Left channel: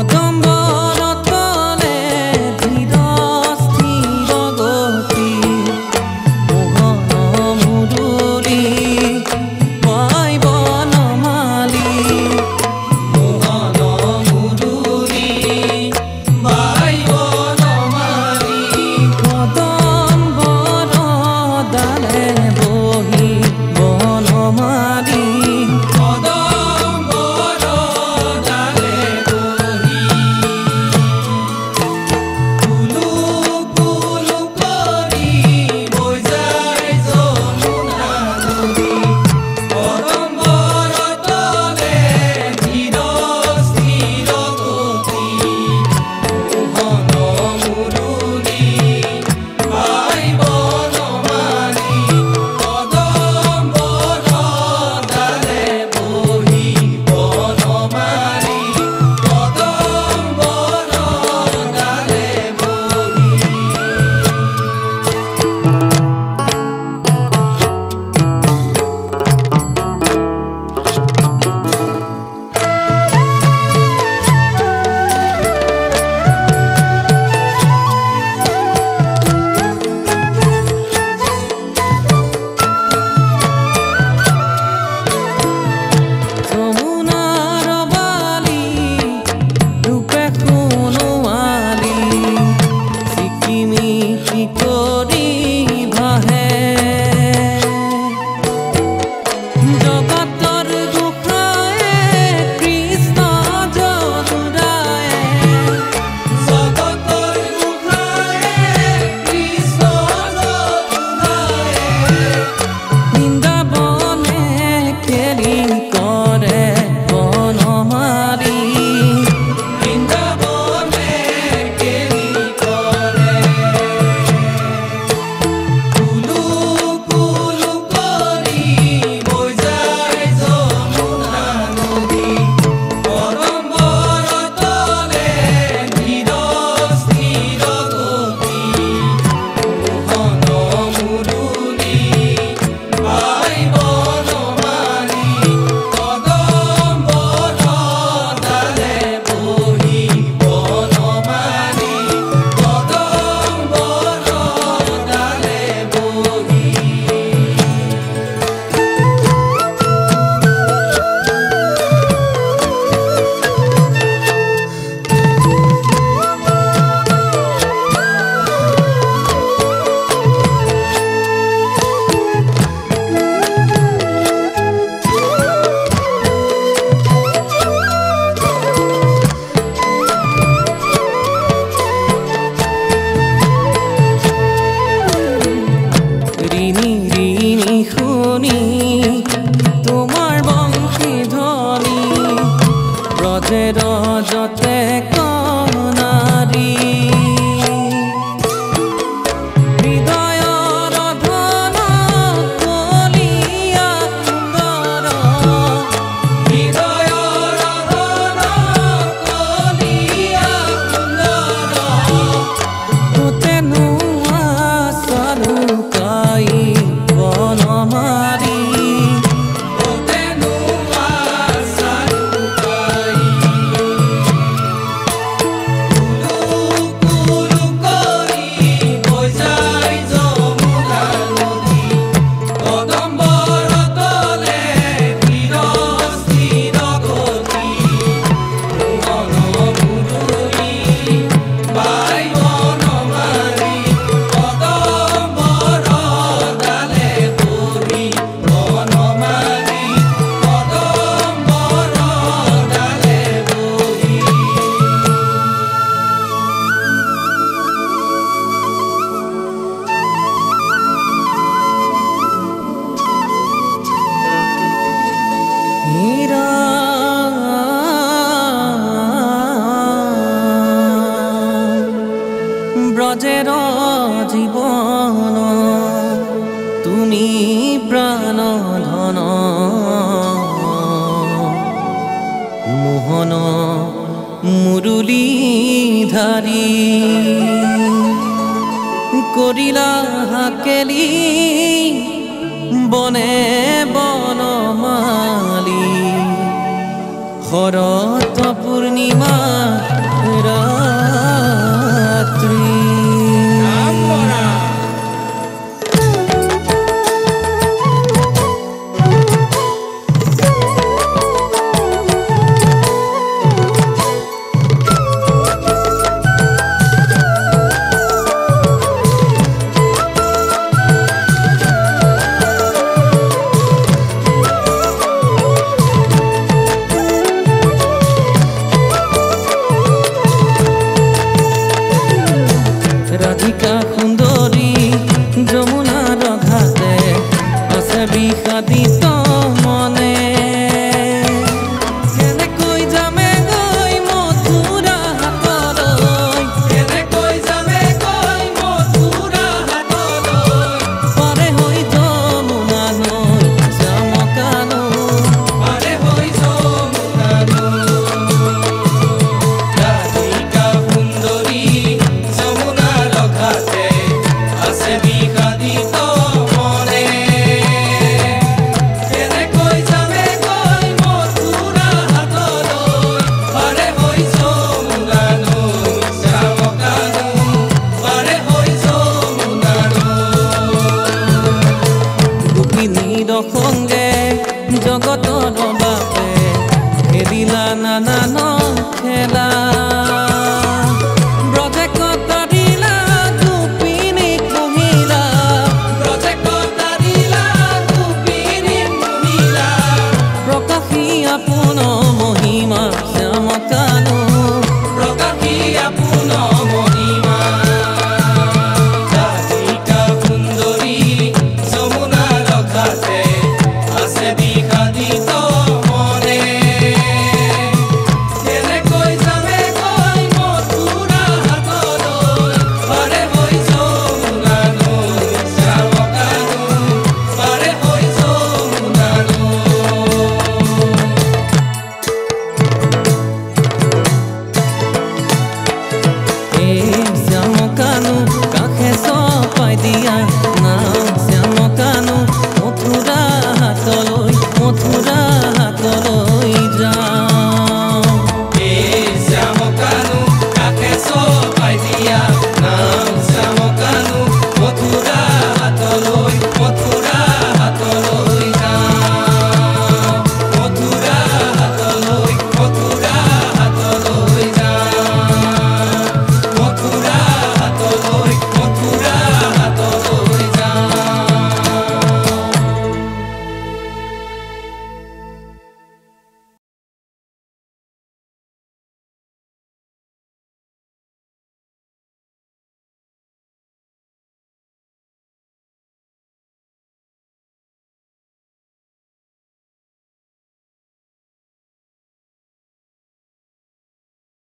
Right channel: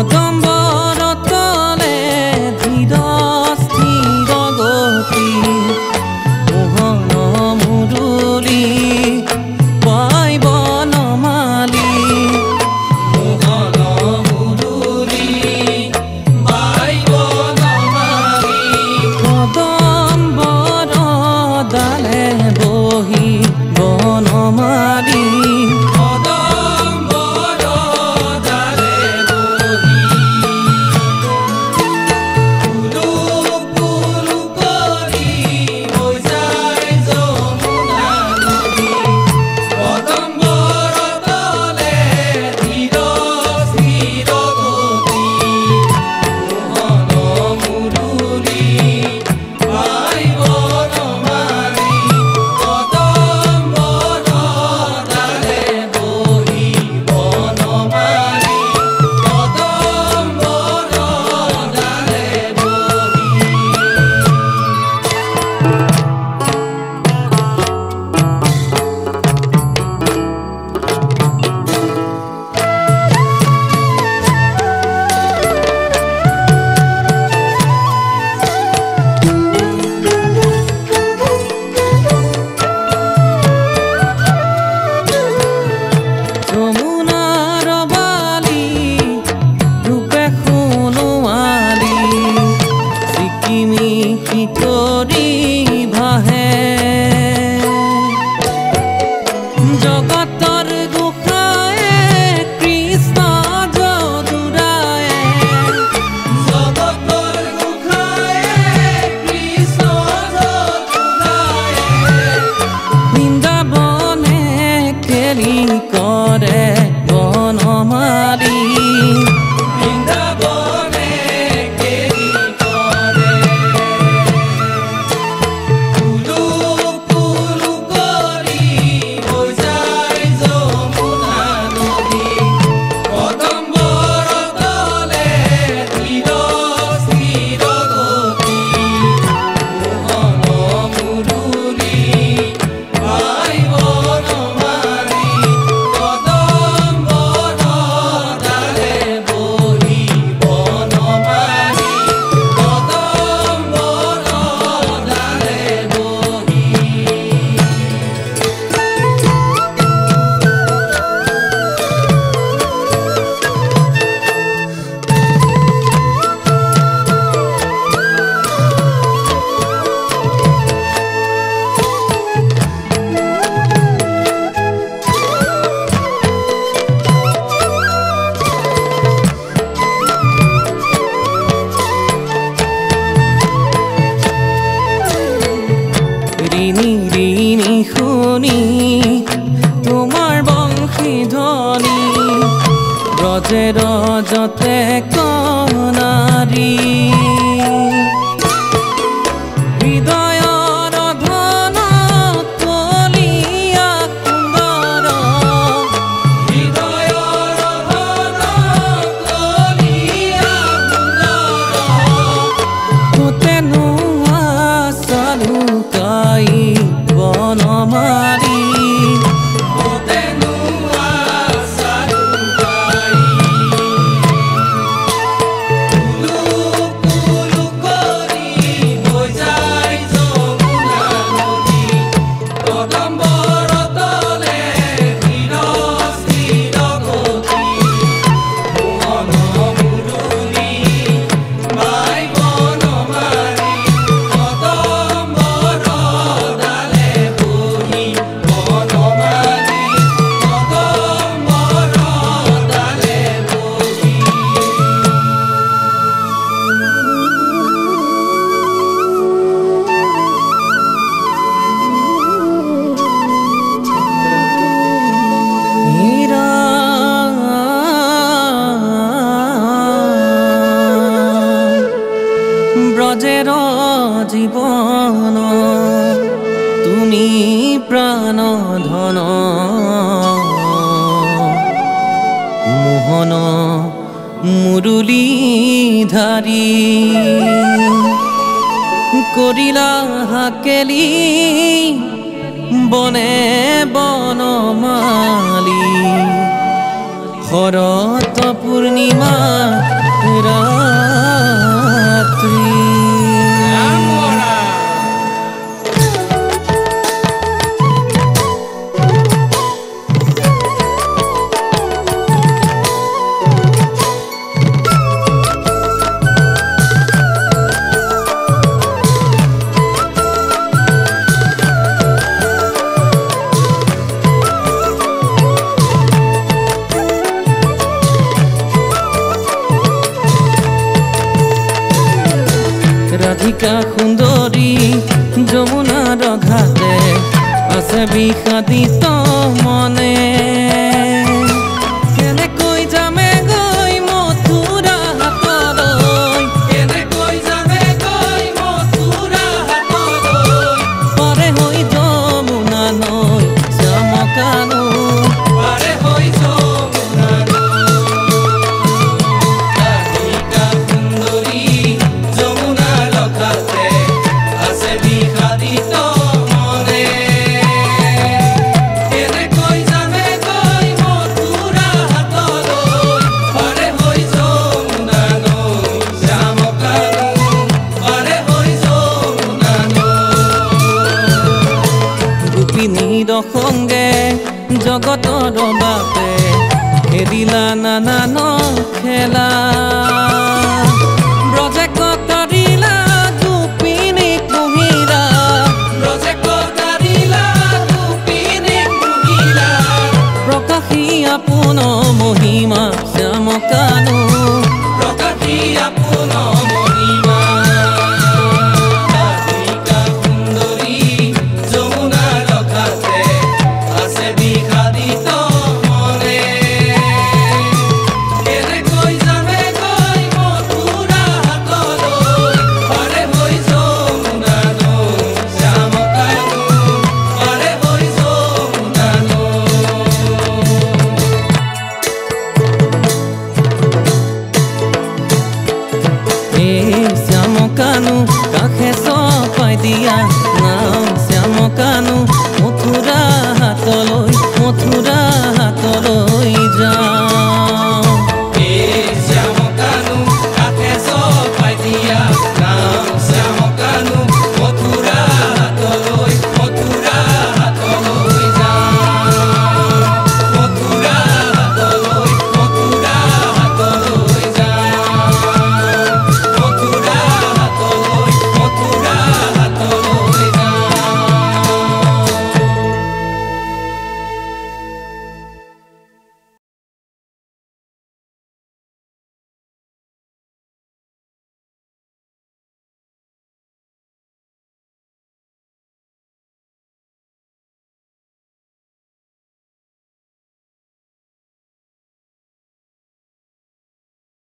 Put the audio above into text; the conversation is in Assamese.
কদম্বৰ তলে ধীৰ স্থিৰ গতি মোহন মুৰুলী পাই বনমালী কদম্বৰ ডালে বহি বনমালী কৰি ভাহে জগতৰ গোসাঁয়ে কৃষ্ণ যদুৰায়ে জগতৰ গোসাঁয়ে কৃষ্ণ যদুৰায়ে বৃন্দাবনে কেলি কৰে বনমালী ঋণী ঋণী শুনি তোমাৰ বংশী ধ্বনি ব্ৰজে ৰজতে কণাৰী হৃদয়ৰ ধন কলিয়া সুন্দৰ হৃদয়ৰ ধন কলিয়া সুন্দৰ কোতেনো চালুকাই বনমালী ব্ৰজেৰ জীৱন তুমি প্ৰাণ ধন মোহন মুৰুলীধাৰী কৰিলা হাকেলি বনে বনমালী শৰৎ পূৰ্ণিমা ৰাত্ৰি ৰাধিকা সুন্দৰী যমুনাৰ ঘাটে আছে বিষাদিত মনে কেনেকৈ যামে গৈ মথুৰা হাতলৈ কেনেকৈ যামে গৈ মথুৰা হাতলৈ পাৰে হৈ যমুনা নৈ শ্যামকানু পাৰে হৈ যমুনা সংগে জগতৰ বাপে খেলিলা নানান খেলা ব্ৰজে কটাৰিলা গোপিনী কুহিলা ব্ৰজে কটাৰিলা গোপিনী কুহিলা প্ৰকাশী আপোন মহিমা শ্যামকানু প্ৰকাশী আপোন মহিমা শ্যামকানু কাষে চপাই দিয়া নাম শ্যামকানু মথুৰা হাতলৈ